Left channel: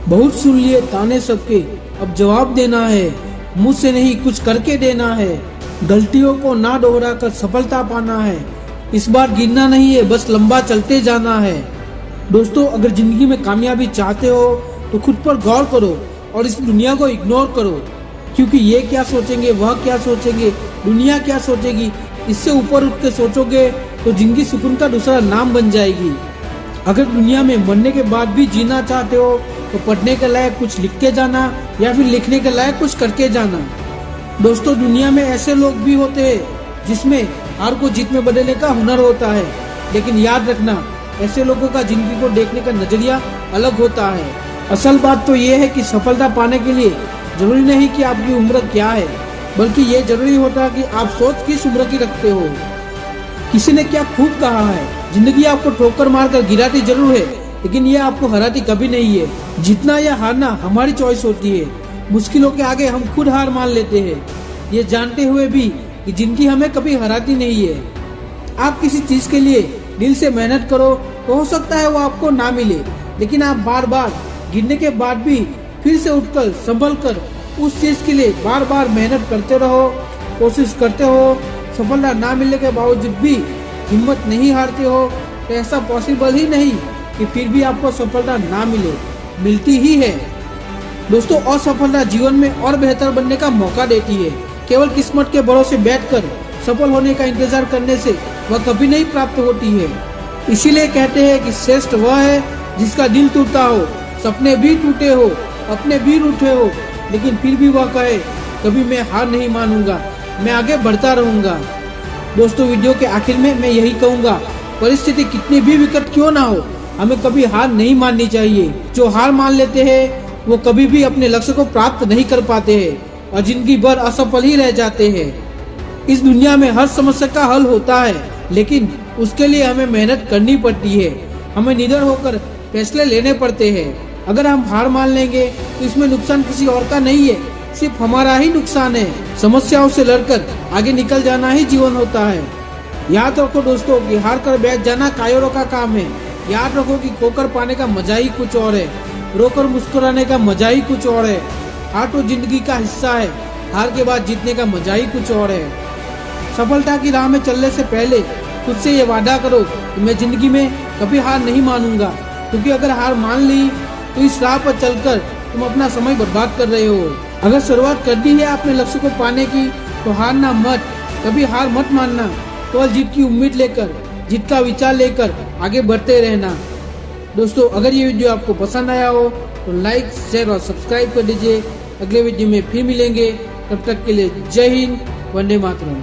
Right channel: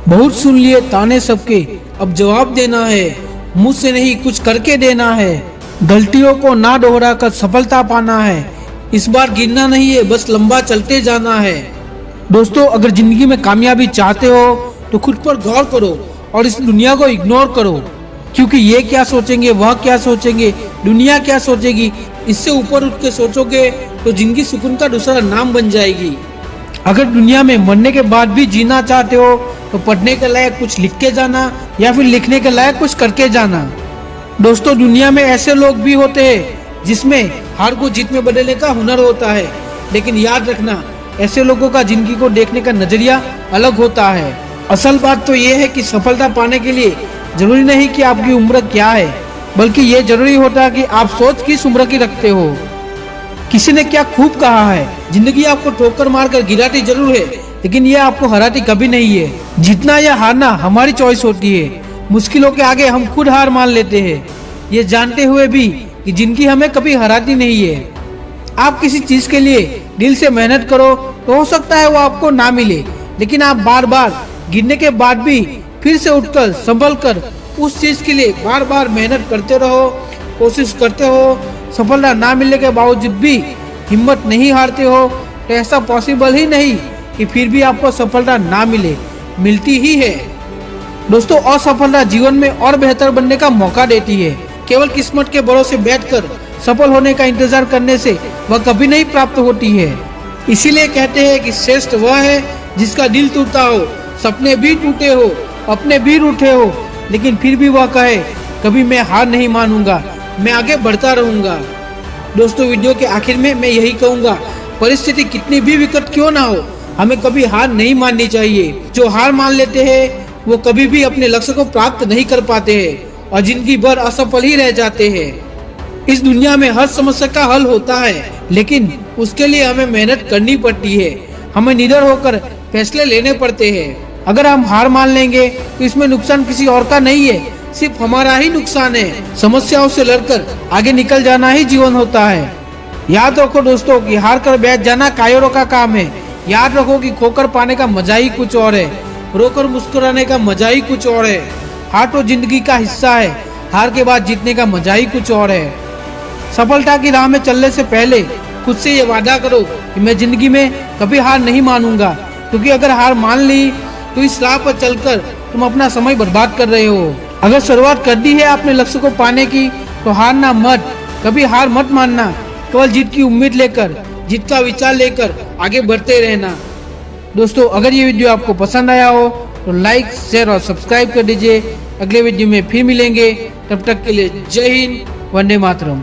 बहुत सुन लिए ताने सबके, अब जवाब देना है, मुझसे नहीं कुछ करके देना है। गलतियों को ना दोहरा कर सफलता पाना है, इस बार गिरना नहीं है, बस लंबा चलते जाना है। दोस्तों, अगर जिंदगी में कामयाबी चाहते हो तो खुद पर गौर करो और इस दुनिया को इग्नोर करो, क्योंकि ये क्या सोचेंगे, वह क्या सोचेंगे, दुनिया क्या सोचेगी, इससे ऊपर उठ के सोचोगे तो जिंदगी सुकून का दूसरा नाम बन जाएगी। अगर दुनिया में मरने के बाद भी जीना चाहते हो तो पढ़ने के लायक कुछ लिख के जाना या फिर लिखने के लायक कुछ करके जाना। दोस्तों, दुनिया में ऐसे लोग भी होते हैं जिसमें हार को जीत में बदलने का हुनर होता है, लेकिन याद रखना, ऐसे लोगों का जिंदगी को देखने का नजरिया अलग होता है। असल बात तो ये है कि सफलता पाने के लिए जरूरी नहीं कि आपकी उम्र क्या है, बल्कि ये जरूरी होता है कि आप सोच किस उम्र की रखते हो। किसी ने क्या खूब कहा है, जिंदगी आपको ठोकर मारकर गिराती जरूर है, लेकिन ये आपको हराती कभी नहीं है। जीतना या हारना हमारी चॉइस होती है। मुश्किलों के आगे हम खुद हार मान लेते हैं, ये जानते हुए भी कि जिंदगी हमें कभी हराती नहीं है। आप किसी चीज के लिए दिल से मेहनत करो तो हो सकता है वो आपको ना मिले, लेकिन आप बार बार गिरने के बाद भी फिर से उठकर संभल कर उस चीज के लिए बार बार मेहनत करते रहो, कोशिश करते हो। सफलता ना मिलने के बावजूद भी हिम्मत नहीं हारते हो तो ऐसा पॉसिबल ही नहीं कि फिर भी आपको सफलता ना मिले, मिलती ही है। दोस्तों, असफलता जीवन में और बेहतर बनने का मौका देती है। केवल किस्मत के भरोसे बैठकर सफल होने का इंतजार करने से वह कभी नहीं प्राप्त होती है। इसीलिए कहते हैं कि श्रेष्ठ वह है जिसका दिल टूटा हो, सपने भी टूटे हो, अपने भी रूठे हो, लेकिन फिर भी वह कहे कभी मैं हार नहीं मानूंगा, मैं आगे बढ़ता रहूंगा। दोस्तों, वीडियो के आखिर में मैं यही कहूंगा, परिस्थिति कितनी भी विकट क्यों ना हो, हमें कभी हार नहीं माननी चाहिए। जो हार मान लेते हैं वो कभी भी अपने लक्ष्य को प्राप्त नहीं कर पाते हैं और जिंदगी भर असफल ही रह जाते हैं। इस दुनिया में हर समस्या का हल होता है, लेकिन उसके लिए हमें मेहनत करनी पड़ती है, हमें निडर होकर फैसले लेने पड़ते हैं। अगर हम हार मान लेंगे तो इसमें नुकसान किसी और का नहीं है, सिर्फ हमारा ही नुकसान है। समस्याओं से लड़कर आगे निकल जाना ही जीवन होता है। याद रखो दोस्तों कि हार कर बैठ जाना कायरों का काम है। याद रखो कि खोकर पाने का मजा ही कुछ और है, रोकर मुस्कुराने का मजा ही कुछ और है। हार तो जिंदगी का हिस्सा है, हार के बाद जीतने का मजा ही कुछ और है। सफलता की राह में चलने से पहले खुद से ये वादा करो कि मैं जिंदगी में कभी हार नहीं मानूंगा, क्योंकि अगर हार मान ली तो इस राह पर चलकर तुम अपना समय बर्बाद कर रहे हो। अगर शुरुआत कर दी है अपने लक्ष्य को पाने की तो हारना मत, कभी हार मत मानना। केवल जीत की उम्मीद लेकर, जीत का विचार लेकर आगे बढ़ते रहना। दोस्तों, अगर ये वीडियो आपको पसंद आया हो तो लाइक, शेयर और सब्सक्राइब कर दीजिए। अगले वीडियो में फिर मिलेंगे, तब तक के लिए जय हिंद, वंदे मातरम।